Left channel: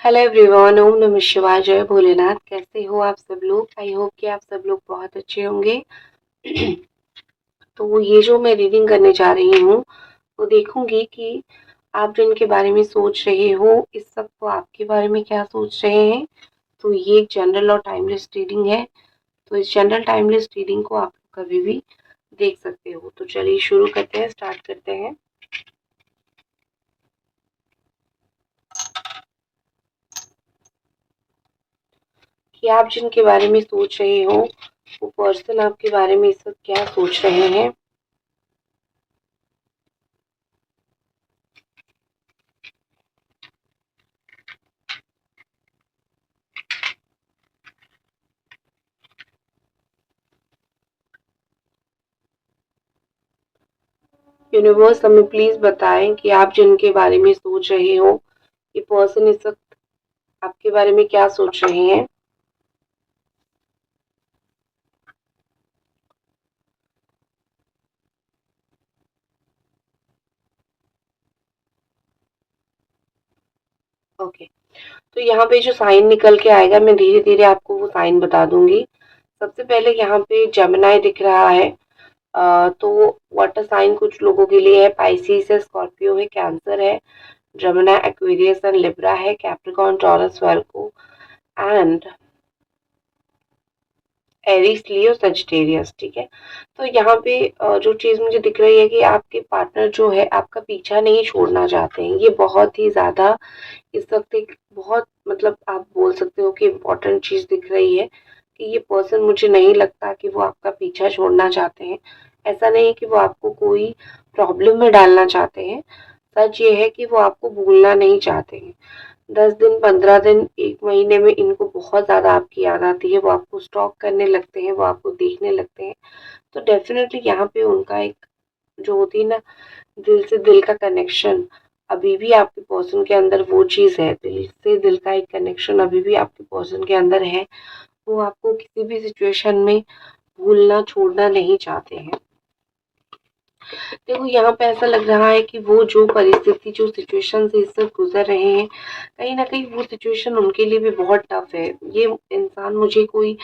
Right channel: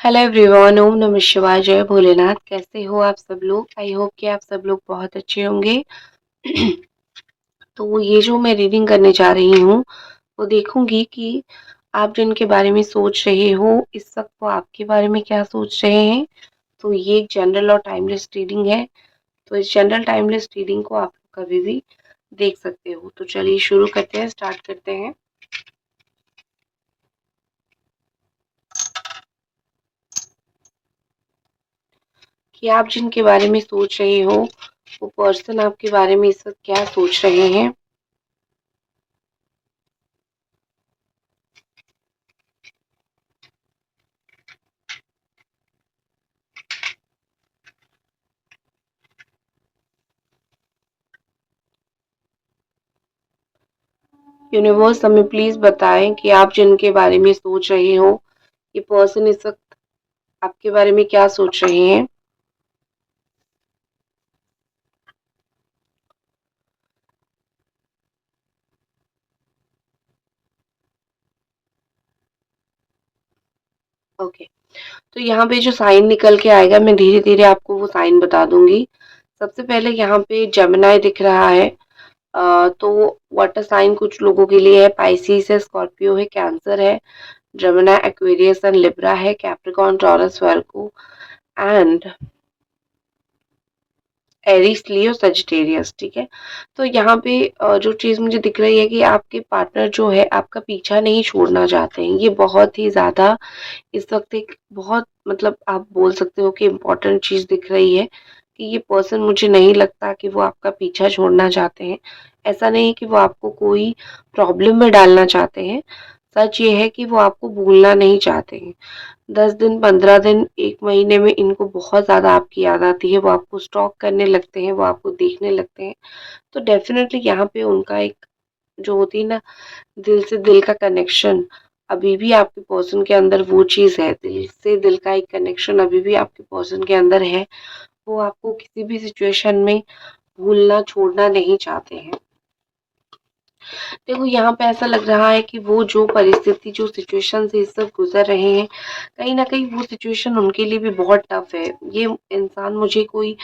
Hello everyone, ओम नमः शिवाय, जय भोलेनाथ। कैसे हो आप सब लोग? आई होप कि आप सब लोग बहुत अच्छे होंगे। तो ये जो मैं रीडिंग करने जा रही हूँ वो देखूंगी कि आप जिनके बारे में सोच रहे हो इस वक्त वो आपके बारे में क्या सोच रहे हैं। तो ये एक जनरल और टाइमलेस रीडिंग है। तो इस जनरल टाइमलेस रीडिंग को आप कभी भी देख सकते हो। तो चलिए शुरू करते हैं, स्टार्ट करते हैं। कि आप जिनके बारे में सोच रहे हो वो पर्सन आपके बारे में इस वक्त क्या सोच रहे हैं। यूनिवर्स हमें प्लीज बताएं कि आप जिनके बारे में सोच रहे हो ये पर्सन इस वक्त आपके बारे में क्या सोच रहे हैं। ओके, तो यहाँ पे जो साइन निकल के आएगा मैं धीरे धीरे आपको वो साइन बता दूंगी। सबसे पहले यहाँ पे जमिनाई दिख रहा है। तो वाटर साइन कुछ लोगों के लिए है, पाइसिस है, स्कॉर्पियो है, कैंसर है, जमिनाई, एक्वेरियस एंड लिब्रा है, Capricorn, taurus, Virgo and Aries, Leo, Sagittarius. ठीक है। तो यहाँ पे जो चीज़ मुझे दिख रही है कि आपके पार्टनर जो है आपका पीछा नहीं छोड़ना चाहते हैं। ये बहुत ही ज़्यादा इस वक्त एक बहुत मतलब आप बोल सकते हो कि इम्पोर्टेंट चीज़ दिख रही है कि ये पर्सन मुझे नहीं लगता कि वो आपका पीछा छोड़ना चाहते हैं। ऐसा नहीं कि वो आपको कोई प्रॉब्लम में डालना चाहते हैं। सच ये है कि वो आपको भूलना नहीं चाहते हैं। 10 दिन, 15 दिन, 1 महीने में इनको बहुत ज़्यादा आपकी याद आती है। वो आपको स्टॉक करने लगते हैं, वो आपको देखने लगते हैं। तो डेफ़िनेटली यहाँ पे उनका एक जो होती है ना दिल से दिल का कनेक्शन, अभी भी आपके पर्सन के अंदर वो चीज़ है। दिल से दिल का एक कनेक्शन अभी भी आपके पर्सन के अंदर है। वो आपको किसी भी सिचुएशन में भूलना, छोड़ना नहीं चाहते हैं। देखो यहाँ पे ऐसा लग रहा है कि वो जो परिस्थिति, जो सिचुएशन से इस वक्त गुजर रहे हैं, कहीं ना कहीं वो सिचुएशन उनके लिए भी बहुत टफ है। ये इंसान मुझे कोई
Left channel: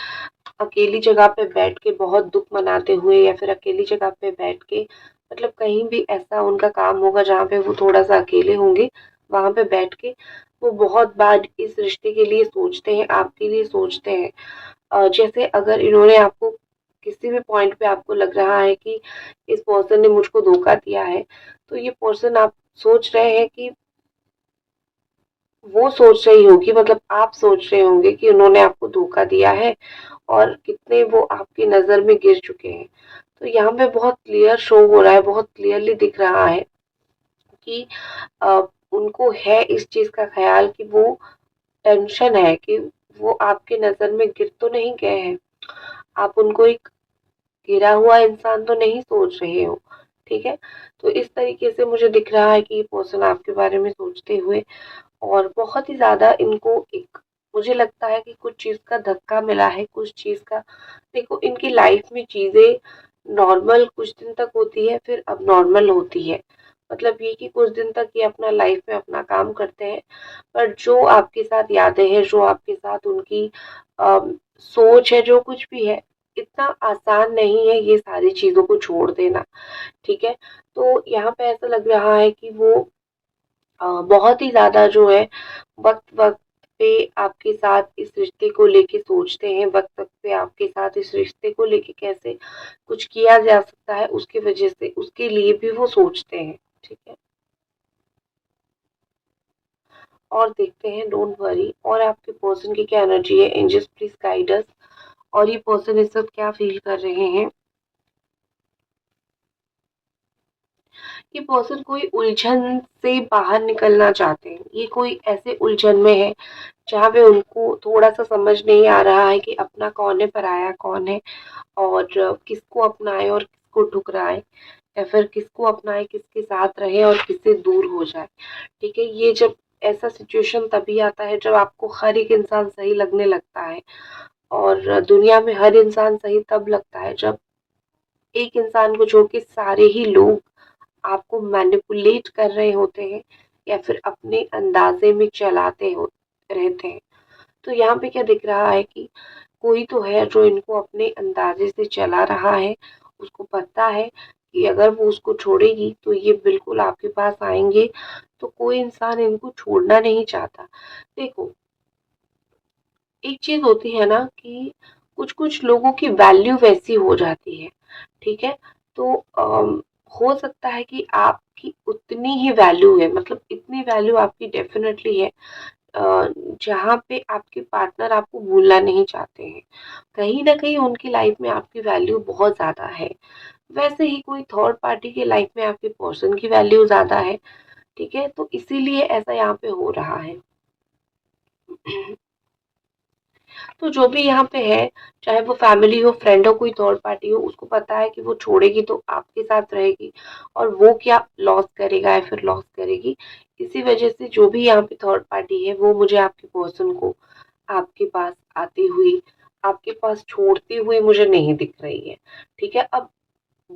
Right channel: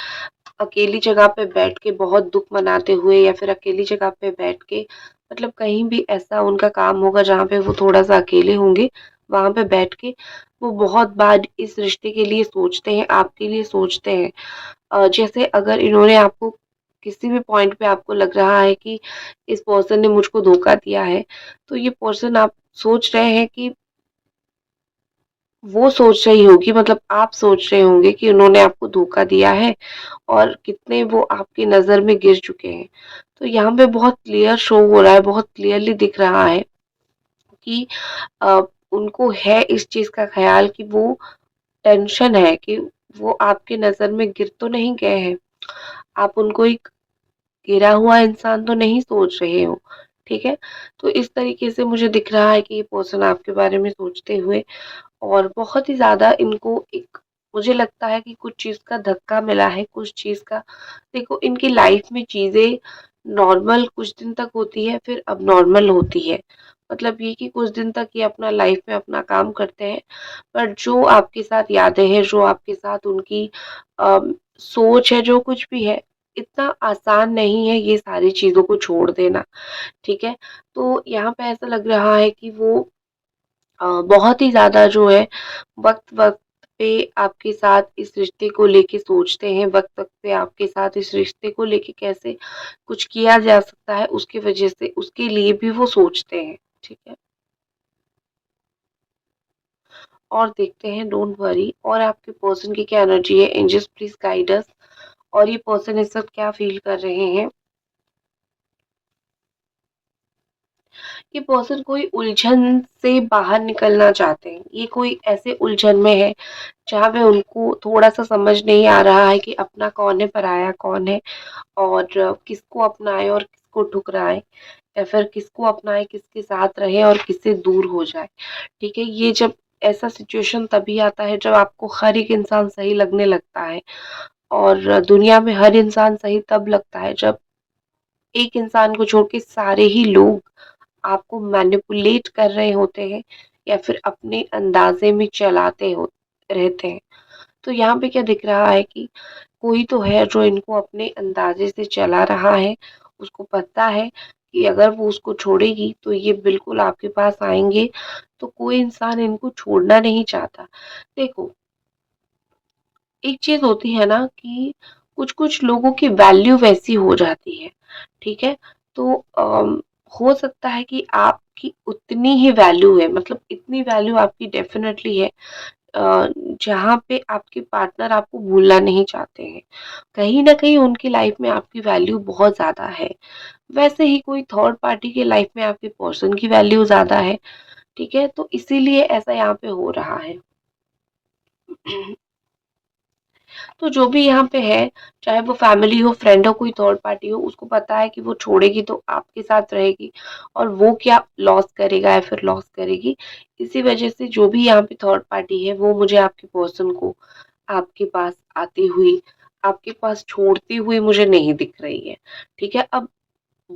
अकेली जगह पे बैठ के बहुत दुख मनाते हुए या फिर अकेली जगह पे बैठ के मतलब कहीं भी ऐसा उनका काम होगा जहाँ पे वो थोड़ा सा अकेले होंगे, वहां पे बैठ के वो बहुत बार इस रिश्ते के लिए सोचते हैं, आपके लिए सोचते हैं। जैसे अगर इन्होंने आपको किसी भी पॉइंट पे आपको लग रहा है कि इस पर्सन ने मुझको धोखा दिया है, तो ये पर्सन आप सोच रहे हैं कि वो सोच रही होगी, मतलब आप सोच रहे होंगे कि उन्होंने आपको धोखा दिया है और कितने वो आपकी नज़र में गिर चुके हैं। तो यहाँ पे बहुत क्लियर शो हो रहा है, बहुत क्लियरली दिख रहा है कि अ, उनको है इस चीज़ का ख़्याल कि वो टेंशन है कि वो आपकी नज़र में गिर तो नहीं गए हैं। आप उनको एक गिरा हुआ इंसान तो नहीं सोच रहे हो। ठीक है। तो इस तरीके से मुझे दिख रहा है कि ये पर्सन आपके बारे में सोचते हुए और बहुत ही ज़्यादा इनको एक मुझे लगता है कि कुछ चीज़ का धक्का मिला है, कुछ चीज़ का देखो इनकी लाइफ में चीज़ें नॉर्मल कुछ दिन तक होती है, फिर अब नॉर्मल होती है। मतलब ये कि कुछ दिन तक ये अपना लाइफ में अपना काम करते हैं, पर जो आपके साथ यादें हैं, जो आपके साथ उनकी सोच है, जो कुछ भी है, इतना आसान नहीं है ये सारी चीज़ों को छोड़ देना। ठीक है। तो यहाँ पे ऐसा लग रहा है कि वो बहुत ही ज़्यादा जो है वक़्त-वक़्त पे आपके साथ इस रिश्ते को लेके सोचते हैं, वक़्त-वक़्त पे आपके साथ इस रिश्ते को लेके कैसे कुछ किया जा सकता है उसकी वज़ह से उसके लिए भी वो सोचते हैं। ठीक है। और देखते हैं, डोंट वरी। और आपके पर्सन की क्या एनर्जी है, एंजल्स प्लीज़ गाइड अस। और ये पर्सन इस वक़्त क्या फ़ील कर रहे हैं। ये पर्सन कोई उलझन से बाहर निकलना चाहते हैं। ये कोई ऐसे उलझन में है जहाँ पे उनको थोड़ा-सा समझ नहीं आ रहा है कि अपना कौन है, पराया कौन है और किसको अपनाएँ और किसको ठुकराएँ या फिर किसको अपनाएँ, किसके साथ रहें और किससे दूर हो जाएँ। ठीक है? ये जब ऐसा सिचुएशन तभी आता है जब आपको हर एक इंसान सही लगने लगता है और दुनिया में हर इंसान सही तब लगता है जब एक इंसान को छोड़ के सारे ही लोग आपको मैनिपुलेट कर रहे होते हैं या फिर अपने अंदाज़े में चलाते हो रहते हैं। तो यहाँ पे क्या दिख रहा है कि कोई तो है जो इनको अपने अंदाज़े से चला रहा है, उसको पता है कि अगर वो उसको छोड़ेगी तो ये बिल्कुल आपके पास आएँगे, तो कोई इंसान इनको छोड़ना नहीं चाहता। देखो, एक चीज़ होती है ना कि कुछ-कुछ लोगों की वैल्यू वैसी हो जाती है, ठीक है? तो हो सकता है कि आपकी उतनी ही वैल्यू है, मतलब इतनी वैल्यू आपकी डेफ़िनेटली है जहाँ पे आपके पार्टनर आपको भूलना नहीं चाहते हैं। कहीं न कहीं उनकी लाइफ़ में आपकी वैल्यू बहुत ज़्यादा है। वैसे ही कोई थर्ड पार्टी की लाइफ़ में आपके पर्सन की वैल्यू ज़्यादा है, ठीक है? तो इसीलिए ऐसा यहाँ पे हो रहा है। तो जो भी यहाँ पे है, चाहे वो फैमिली हो, फ्रेंड हो, कोई थर्ड पार्टी हो, उसको पता है कि वो छोड़ेगी तो आपके साथ रहेगी और वो क्या लॉस करेगा या फिर लॉस करेगी। इसी वजह से जो भी यहाँ पे थर्ड पार्टी है, वो मुझे आपके पर्सन को आपके पास आती हुई, आपके पास छोड़ती हुई मुझे नहीं दिख रही है। ठीक है? अब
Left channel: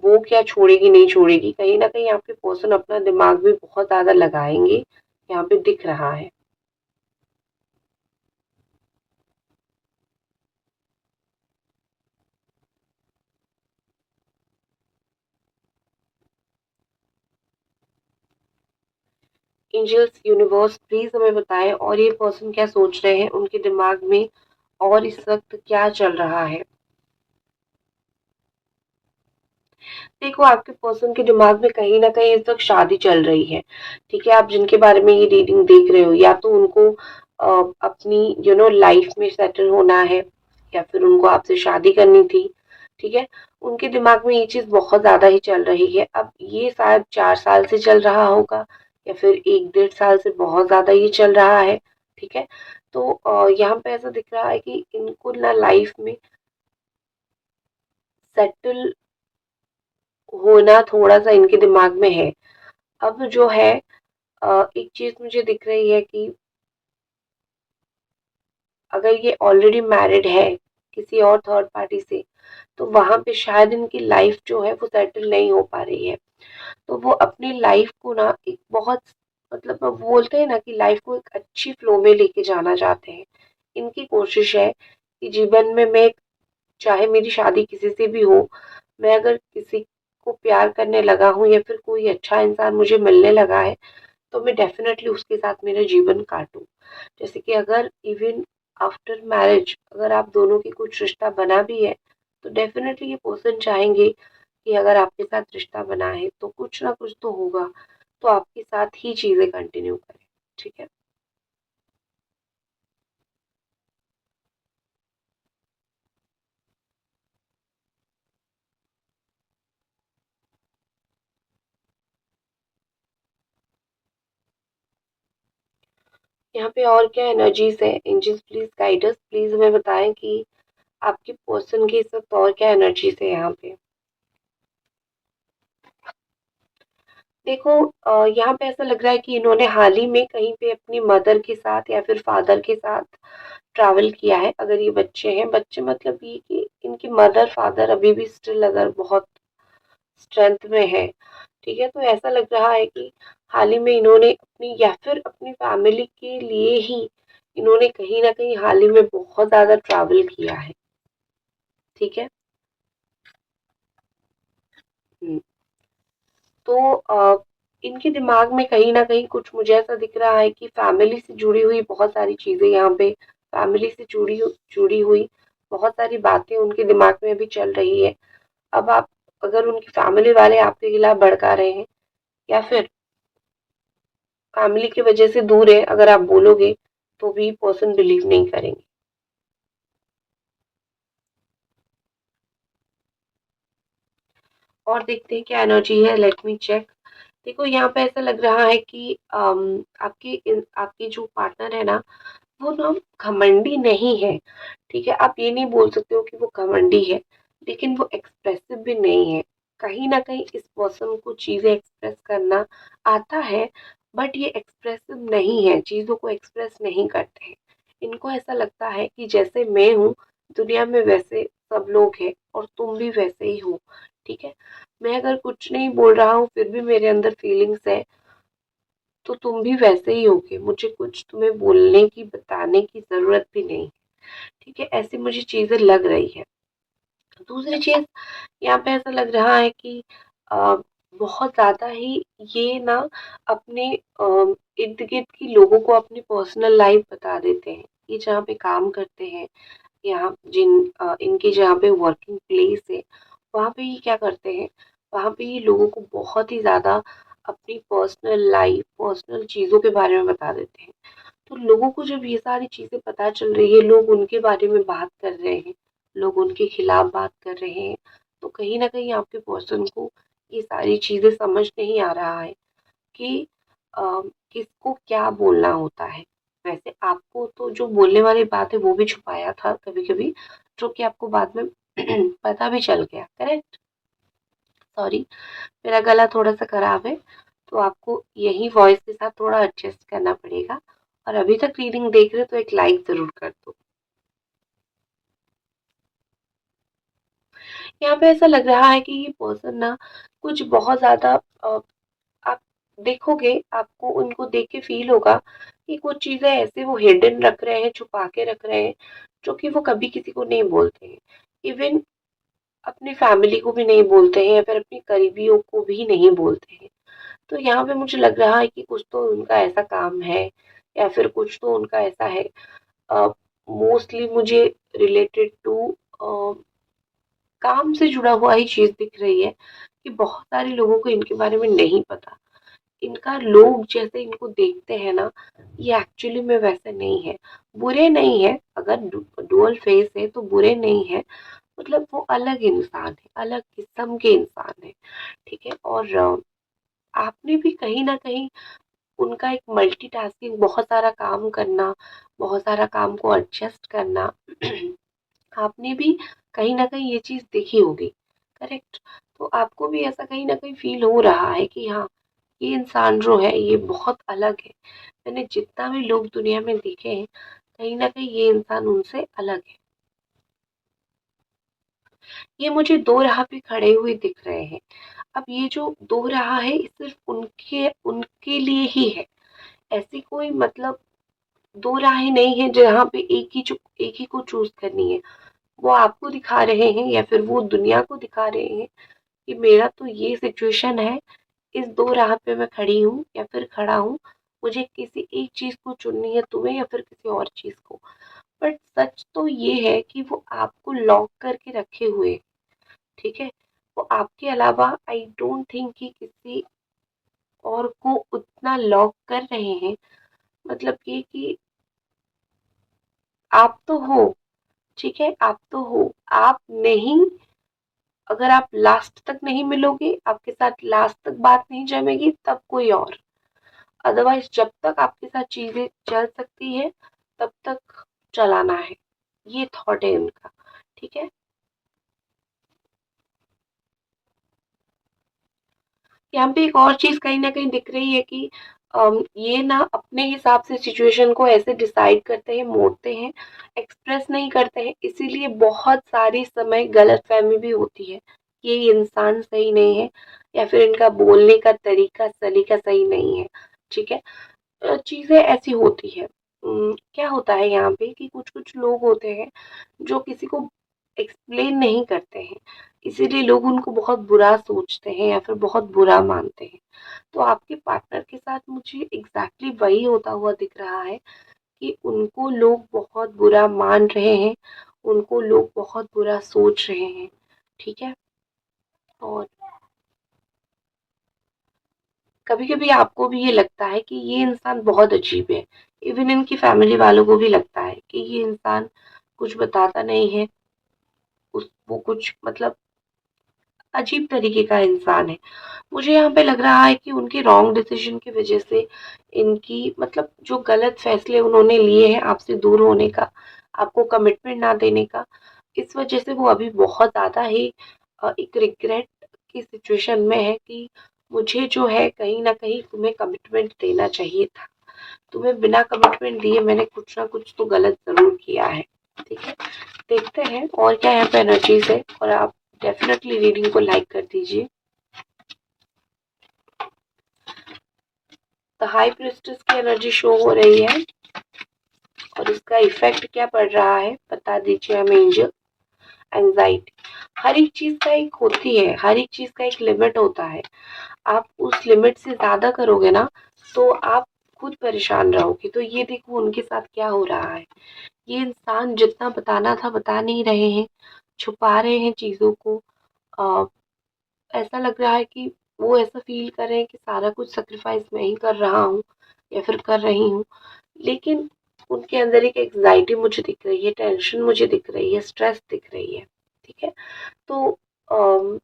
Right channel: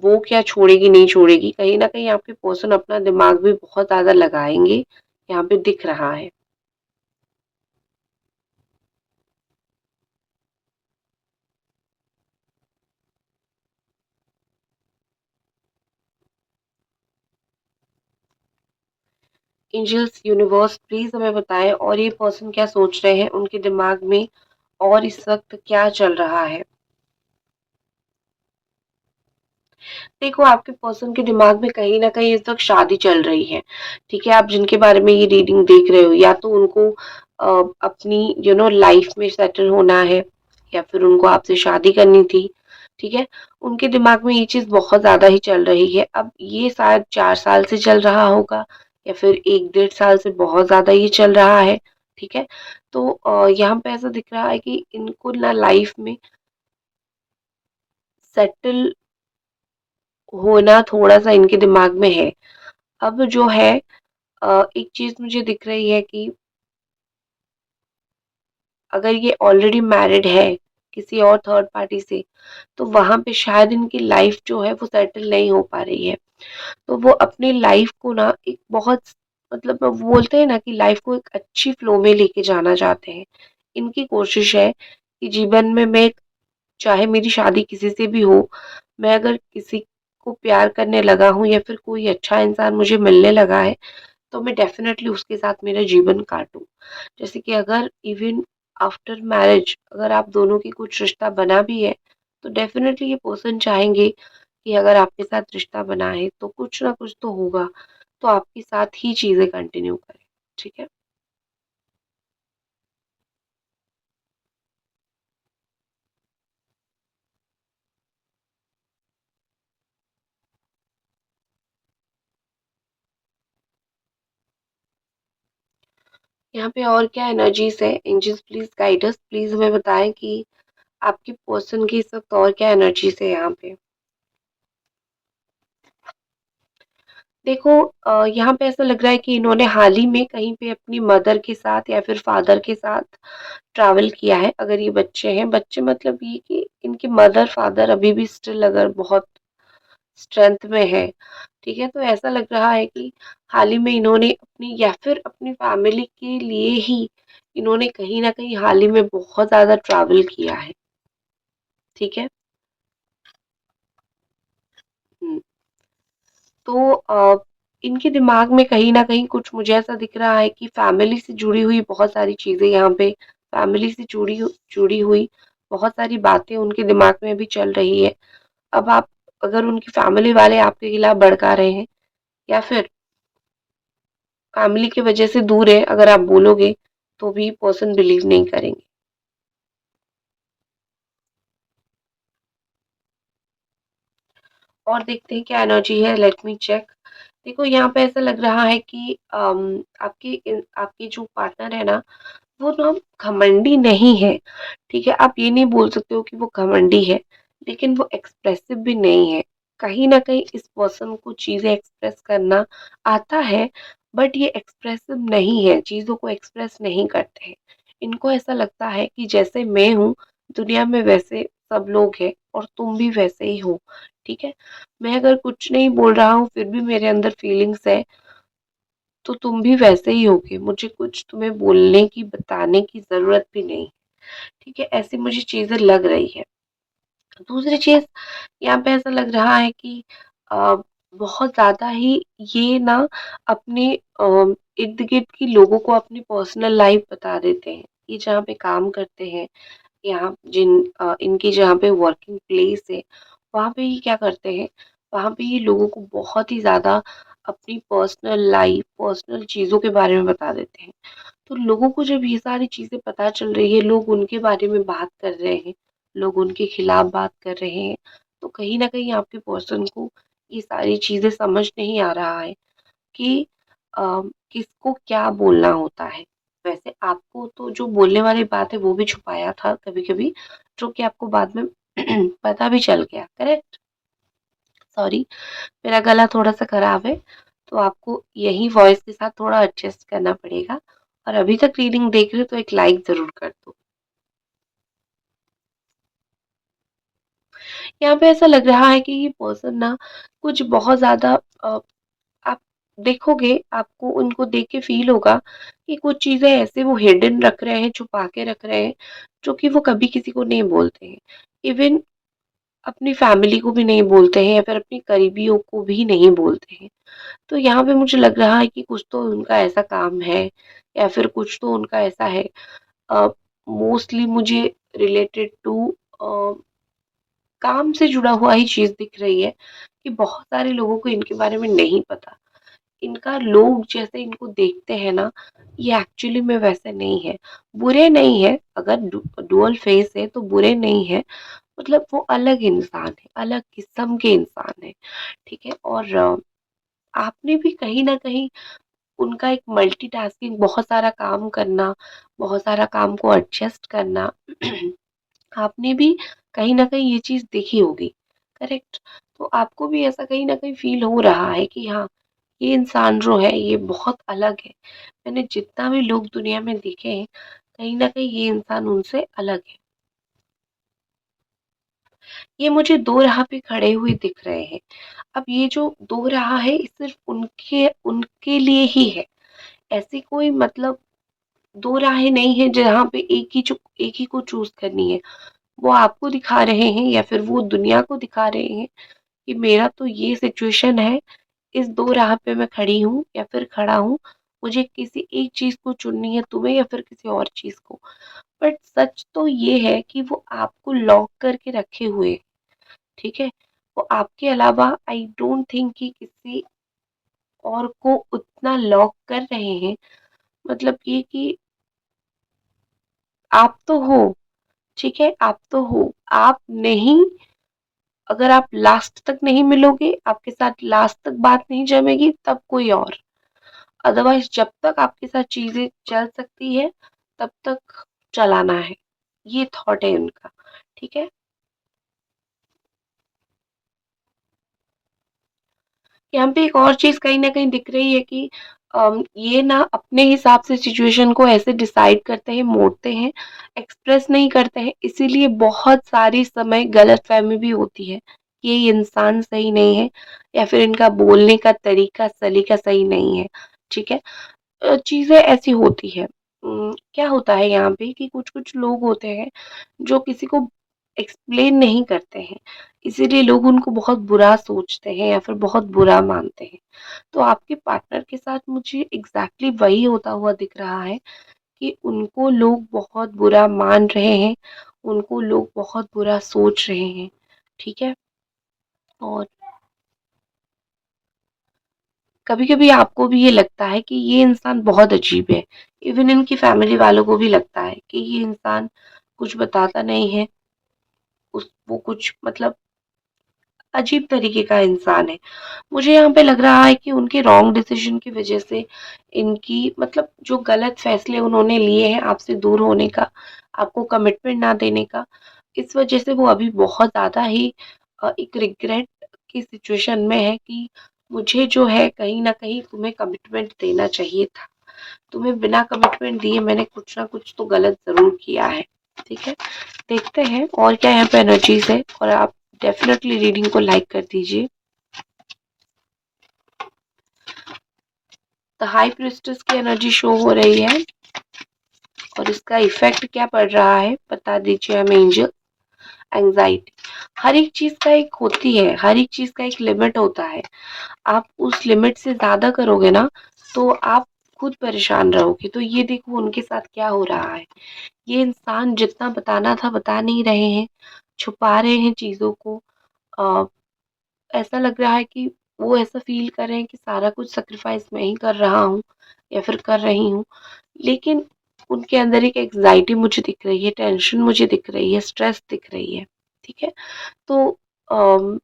वो क्या छोड़ेगी, नहीं छोड़ेगी, कहीं न कहीं आपके पर्सन अपना दिमाग भी बहुत ज़्यादा लगाएँगे, यहाँ पे दिख रहा है। एंजल्स, यूनिवर्स प्लीज़ हमें बताएँ और ये पर्सन क्या सोच रहे हैं, उनके दिमाग में और इस वक़्त क्या चल रहा है? देखो, आपके पर्सन के दिमाग में कहीं न कहीं इस वक़्त शादी चल रही है, ठीक है? आप जिनके बारे में ये रीडिंग देख रहे हो या तो उनको अपनी लाइफ़ में सेटल होना है या फिर उनको आपसे शादी करनी थी, ठीक है? उनके दिमाग में ये चीज़ बहुत ज़्यादा ही चल रही है। अब ये शायद 4 साल से चल रहा होगा या फिर 1 डेढ़ साल से बहुत ज़्यादा ये चल रहा है, ठीक है? तो यहाँ पे ऐसा दिख रहा है कि इनको ना लाइफ़ में सेटल होना थोड़ा-सा इनके दिमाग में है। अब जो है एक चीज़ मुझे दिख रही है कि अगर ये ऑलरेडी मैरिड है किसी और थर्ड पार्टी से, तो वहाँ पे शायद इनकी लाइफ़ जो है वो सेटल नहीं हो पा रही है। तो वो अपनी लाइफ़ को ना एक बहुत मतलब वो बोलते हैं ना कि लाइफ़ को एक अच्छी फ्लो में लेके जाना चाहते हैं। इनकी कोशिश है कि जीवन में मैं चाहे मेरी शादी किसी से भी हो, मैं अगर किसी को प्यार करने लगा हूँ या फिर कोई अच्छा इंसान मुझे मिलने लगा है, तो मैं डेफ़िनेटली उसके साथ मेरा जीवन काटूँ। जैसे कि अगर इवन आफ्टर मैरिज अगर आप दोनों की कुछ रिश्ता बना भी है, तो डेफ़िनेटली ये पर्सन चाहेंगे कि अगर आपके साथ रिश्ता बना है, तो कुछ ना कुछ तो होगा, तो आपके साथ ही चीज़ें कंटिन्यू करें। ठीक है? यहाँ पे और क्या एनर्जीज़ है? Angels please guide us, please हमें बताएँ कि आपके पर्सन की इस वक़्त और क्या एनर्जीज़ है यहाँ पे? देखो यहाँ पे ऐसा लग रहा है कि इन्होंने हाल ही में कहीं पे अपनी मदर के साथ या फिर फादर के साथ ट्रैवल किया है। अगर ये बच्चे हैं, बच्चे मतलब ये कि इनके मदर फादर अभी भी स्टिल अगर बहुत स्ट्रेंथ में है, ठीक है? तो ऐसा लग रहा है कि हाल ही में इन्होंने अपनी या फिर अपनी फैमिली के लिए ही इन्होंने कहीं न कहीं हाल ही में बहुत ज़्यादा ट्रैवल किया है, ठीक है? हुँ। तो इनके दिमाग में कहीं न कहीं कुछ मुझे ऐसा दिख रहा है कि फैमिली से जुड़ी हुई बहुत सारी चीज़ें यहाँ पे फैमिली से जुड़ी हुई बहुत सारी बातें उनके दिमाग में भी चल रही है। अब आप अगर उनकी फैमिली वाले आपके खिलाफ भड़का रहे हैं या फिर फैमिली की वजह से दूर है, अगर आप बोलोगे, तो भी पर्सन बिलीव नहीं करेंगे। और देखते हैं क्या एनर्जी है, लेट मी चेक। देखो यहाँ पे ऐसा लग रहा है कि आपके जो पार्टनर है ना, वो ना घमंडी नहीं है, ठीक है? आप ये नहीं बोल सकते हो कि वो घमंडी है, लेकिन वो एक्सप्रेसिव भी नहीं है। कहीं न कहीं इस पर्सन को चीज़ें एक्सप्रेस करना आता है, बट ये एक्सप्रेसिव नहीं है, चीज़ों को एक्सप्रेस नहीं करते हैं। इनको ऐसा लगता है कि जैसे मैं हूँ, दुनिया में वैसे सब लोग हैं और तुम भी वैसे ही हो, ठीक है? मैं अगर कुछ नहीं बोल रहा हूँ, फिर भी मेरे अंदर फीलिंग्स है, तो तुम भी वैसे ही होगे, मुझे कुछ तुम्हें बोलने की, बताने की ज़रूरत भी नहीं, ठीक है? ऐसी मुझे चीज़ें लग रही है। दूसरी चीज़ यहाँ पे ऐसा लग रहा है कि अ, बहुत ज़्यादा ही ये ना अपने इर्द-गिर्द के लोगों को अपनी पर्सनल लाइफ़ बता देते हैं। ये जहाँ पे काम करते हैं, यहाँ इनकी जहाँ पे वर्किंग प्लेस है, वहाँ पे ये क्या करते हैं, वहाँ पे ये लोगों को बहुत ही ज़्यादा अपनी पर्सनल लाइफ़, पर्सनल चीज़ों के बारे में बता देते हैं। तो लोगों को जब ये सारी चीज़ें पता चल रही है, लोग उनके बारे में बात कर रहे हैं, लोग उनके खिलाफ बात कर रहे हैं, तो कहीं न कहीं आपके पर्सन को ये सारी चीज़ें समझ नहीं आ रहा है कि अ, किसको क्या बोलना होता है। वैसे आपको तो जो बोलने वाली बात है वो भी छुपाया था कभी-कभी, जो कि आपको बाद में पता भी चल गया, करेक्ट? सॉरी, मेरा गला थोड़ा-सा खराब है, तो आपको यही वॉइस के साथ थोड़ा एडजस्ट करना पड़ेगा। और अभी तक रीडिंग देख रहे हो तो एक लाइक ज़रूर कर दो। यहाँ पे ऐसा लग रहा है कि ये पर्सन ना कुछ बहुत ज़्यादा आप देखोगे, आपको उनको देख के फ़ील होगा कि कुछ चीज़ें ऐसे वो हिडन रख रहे हैं, छुपा के रख रहे हैं, जो कि वो कभी किसी को नहीं बोलते हैं। इवन अपनी फैमिली को भी नहीं बोलते हैं या फिर अपनी करीबियों को भी नहीं बोलते हैं। तो यहाँ पे मुझे लग रहा है कि कुछ तो उनका ऐसा काम है या फिर कुछ तो उनका ऐसा है। अ, मोस्टली मुझे रिलेटेड टू काम से जुड़ा हुआ ही चीज़ दिख रही है कि बहुत सारे लोगों को इनके बारे में नहीं पता। इनका लोग जैसे इनको देखते हैं ना, ये एक्चुअली में वैसे नहीं है। बुरे नहीं है, अगर डुअल फेस है तो बुरे नहीं है, मतलब वो अलग इंसान है, अलग किस्म के इंसान है, ठीक है? और आपने भी कहीं न कहीं उनका एक मल्टीटास्किंग, बहुत सारा काम करना, बहुत सारा काम को एडजस्ट करना आपने भी कहीं न कहीं ये चीज़ देखी होगी, करेक्ट? तो आपको भी ऐसा कहीं न कहीं फ़ील हो रहा है कि हाँ, ये इंसान जो है ये बहुत अलग है। मैंने जितना भी लोग दुनिया में देखे हैं, कहीं न कहीं ये इंसान उनसे अलग है। ये मुझे दो राह पे खड़े हुए दिख रहे हैं। अब ये जो दो राह है, ये सिर्फ़ उनके उनके लिए ही है। ऐसी कोई मतलब दो राहें नहीं हैं जहाँ पे एक ही को चूज़ करनी है। वो आपको दिखा रहे हैं या फिर वो दुनिया को दिखा रहे हैं कि मेरा तो ये सिचुएशन है, इस दो राह पे मैं खड़ी हूँ या फिर खड़ा हूँ, मुझे किसी एक चीज़ को चुननी है, तुम्हें या फिर किसी और चीज़ को। बट सच तो ये है कि वो आपको लॉक करके रखे हुए हैं, ठीक है? वो आपके अलावा आई डोंट थिंक कि किसी और को उतना लॉक कर रहे हैं। मतलब ये कि आप तो हो, ठीक है? आप तो हो, आप नहीं, अगर आप लास्ट तक नहीं मिलोगे, आपके साथ लास्ट तक बात नहीं जमेगी, तब कोई और। अदरवाइज़ जब तक आपके साथ चीज़ें चल सकती है, तब तक चलाना है। ये थॉट है इनका, ठीक है? यहाँ पे एक और चीज़ कहीं न कहीं दिख रही है कि ये ना अपने हिसाब से सिचुएशन को ऐसे डिसाइड करते हैं, मोड़ते हैं, एक्सप्रेस नहीं करते हैं, इसीलिए बहुत सारी समय गलतफ़हमी भी होती है कि ये इंसान सही नहीं है या फिर इनका बोलने का तरीका, सलीका सही नहीं है, ठीक है? चीज़ें ऐसी होती हैं। क्या होता है यहाँ पे कि कुछ-कुछ लोग होते हैं जो किसी को एक्सप्लेन नहीं करते हैं, इसीलिए लोग उनको बहुत बुरा सोचते हैं या फिर बहुत बुरा मानते हैं। तो आपके पार्टनर के साथ मुझे एग्ज़ैक्टली वही होता हुआ दिख रहा है कि उनको लोग बहुत बुरा मान रहे हैं, उनको लोग बहुत बुरा सोच रहे हैं, ठीक है? और कभी-कभी आपको भी ये लगता है कि ये इंसान बहुत अजीब है। इवन इनकी फैमिली वालों को भी लगता है कि ये इंसान कुछ बताता नहीं है, वो कुछ मतलब अजीब तरीके का इंसान है। मुझे यहाँ पे लग रहा है कि उनके रॉन्ग डिसीज़न की वज़ह से इनकी मतलब जो गलत फ़ैसले उन्होंने लिए हैं आपसे दूर होने का, आपको कमिटमेंट ना देने का, इस वज़ह से वो अभी बहुत ज़्यादा ही एक रिग्रेट की सिचुएशन में है कि मुझे जो है कहीं न कहीं तुम्हें कमिटमेंट देना चाहिए था। तुम्हें बिना कमिटमेंट दिए मैंने कुछ ना कुछ तो गलत ज़रूर किया है, ठीक है? देखते हैं और क्या यहाँ पे एनर्जीज़ है, और आप डेफ़िनेटली रीडिंग को लाइक कर दीजिए। द हाई प्रीस्टेस की एनर्जी शो हो रही है और इसका इफेक्ट क्या पड़ रहा है बता दीजिए हमें एंजल। एंजाइटी, हर एक चीज का एक होती है, हर एक चीज का एक लिमिट होता है। आप उस लिमिट से ज्यादा करोगे ना तो आप खुद परेशान रहोगे। तो ये देखो उनके साथ क्या हो रहा है, ये इंसान जितना बताना था बता नहीं रहे हैं, छुपा रहे हैं चीजों को। आ, ऐसा लग रहा है कि वो ऐसा फील कर रहे हैं कि सारा कुछ सेक्रीफाइस मैं ही कर रहा हूँ या फिर कर रही हूँ, लेकिन उनके अंदर एक एग्जाइटी मुझे दिख रही है, टेंशन मुझे दिख रही है, स्ट्रेस दिख रही है। ठीक है, तो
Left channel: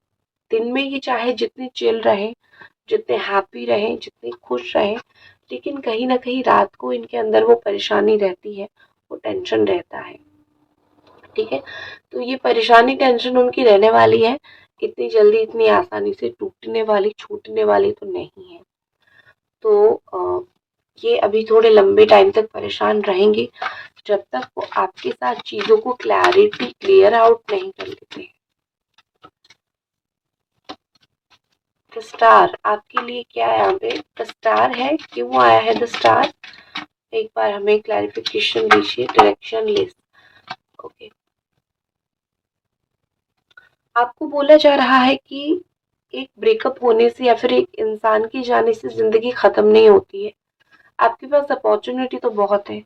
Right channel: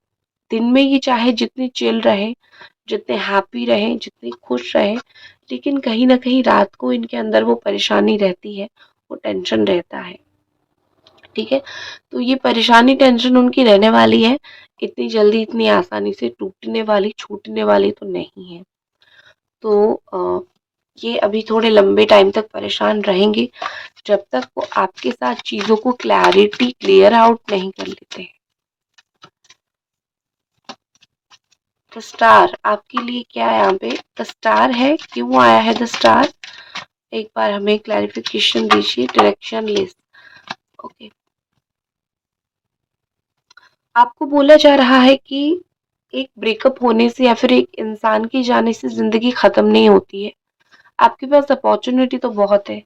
दिन में ये चाहे जितनी चिल रहे, जितने हैप्पी रहे, जितने खुश रहे, लेकिन कहीं ना कहीं रात को इनके अंदर वो परेशानी रहती है, वो टेंशन रहता है। ठीक है, तो ये परेशानी टेंशन उनकी रहने वाली है, इतनी जल्दी इतनी आसानी से टूटने वाली छूटने वाली तो नहीं है। तो ये अभी थोड़े लंबे टाइम तक परेशान रहेंगे जब तक वो आपके साथ चीजों को क्लियर आउट नहीं कर लेते हैं। द स्टार आपके लिए क्या है, यहाँ पे द स्टार है, क्यों आया है द स्टार, एक बार हमें क्लैरिफिकेशन दीजिए, डायरेक्शन लिस्ट। ओके, आपको बोला जा रहा है कि एक ब्रेकअप होने से या फिर एक इंसान के जाने से जिंदगी खत्म नहीं होती है। आपके पास अपॉर्चुनिटी तो बहुत है,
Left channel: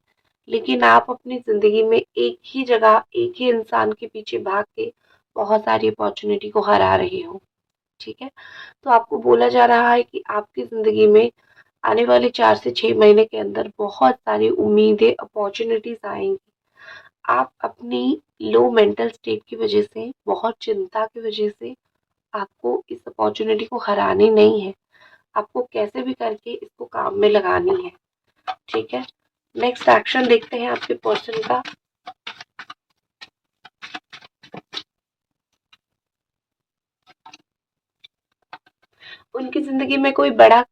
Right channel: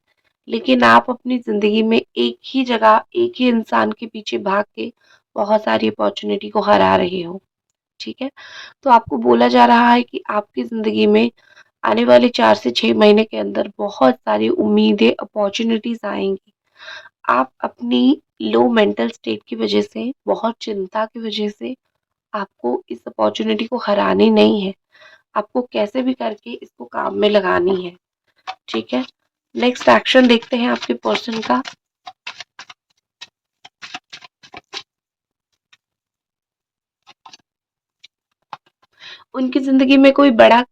लेकिन आप अपनी जिंदगी में एक ही जगह एक ही इंसान के पीछे भाग के बहुत सारी अपॉर्चुनिटी को हरा रहे हो। ठीक है, तो आपको बोला जा रहा है कि आपकी जिंदगी में आने वाले 4 से 6 महीने के अंदर बहुत सारी उम्मीदें अपॉर्चुनिटीज आएंगी। आप अपनी लो मेंटल स्टेट की वजह से, बहुत चिंता की वजह से आपको इस अपॉर्चुनिटी को हरानी नहीं है, आपको कैसे भी करके इसको काम में लगानी है। ठीक है, नेक्स्ट एक्शन देखते हैं आपके पर्सन का। उनकी जिंदगी में कोई बड़ा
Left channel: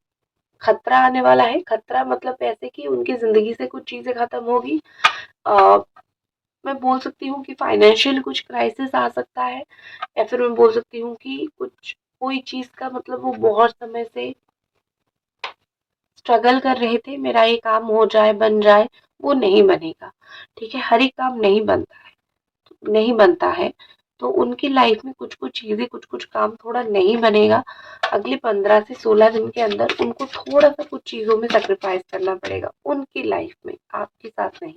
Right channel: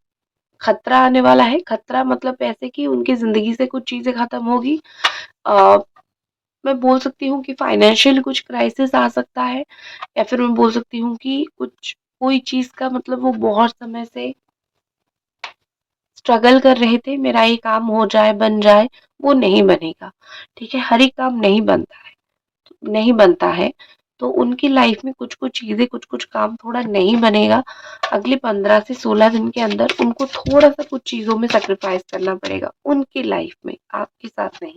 खतरा आने वाला है, खतरा मतलब ऐसे कि उनकी जिंदगी से कुछ चीजें खत्म होगी। आ, मैं बोल सकती हूँ कि फाइनेंशियल कुछ क्राइसिस आ सकता है, या फिर मैं बोल सकती हूँ कि कुछ कोई चीज का मतलब वो बहुत समय से स्ट्रगल कर रहे थे, मेरा ये काम हो जाए बन जाए, वो नहीं बनेगा। ठीक है, हर एक काम नहीं बनता है, नहीं बनता है, तो उनकी लाइफ में कुछ कुछ चीजें, कुछ कुछ काम थोड़ा नहीं बनेगा। अगले 15 से 16 दिन के अंदर उनको थोड़ा सा कुछ चीजों में सेक्रीफाइस करना पड़ेगा उनकी लाइफ में, आपके साथ नहीं।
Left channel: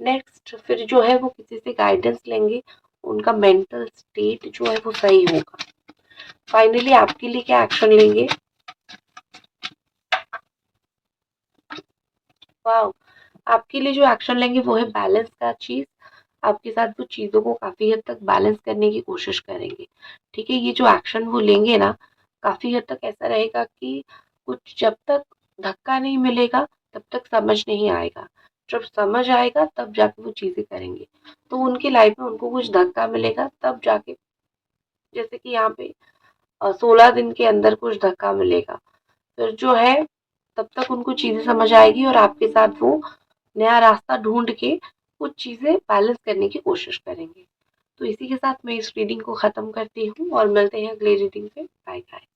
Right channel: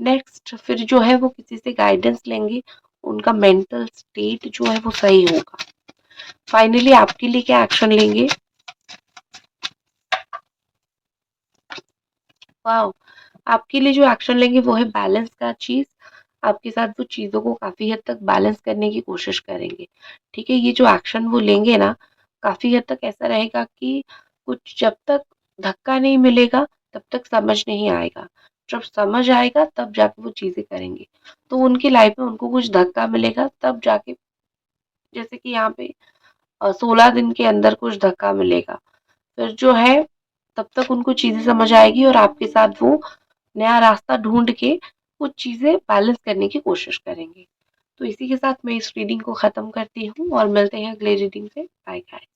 नेक्स्ट फिर जो है वो किसी से गाइडेंस लेंगे, उनका मेंटल स्टेट जो है वो सही होगा। फाइनली आपके लिए क्या एक्शन लेंगे। वाह, आपके लिए जो एक्शन लेंगे वो है बैलेंस का चीज। आपके साथ वो चीजों को काफी हद तक बैलेंस करने की कोशिश करेंगे। ठीक है, ये जो एक्शन वो लेंगे ना, काफी हद तक ऐसा रहेगा कि कुछ जब तक धक्का नहीं मिलेगा तब तक समझ नहीं आएगा, जब समझ आएगा तब जाके वो चीजें करेंगे। तो उनकी लाइफ में उनको कुछ धक्का मिलेगा तब जाके, जैसे कि यहाँ पे 16 दिन के अंदर कुछ धक्का मिलेगा, फिर जो है तब तक उनको चीजें समझ आएगी और आपके साथ वो नया रास्ता ढूंढ के कुछ चीजें बैलेंस करने की कोशिश करेंगे। तो इसी के साथ मैं इस रीडिंग को खत्म करती हूँ और मिलते हैं अगले रीडिंग पे। Bye bye.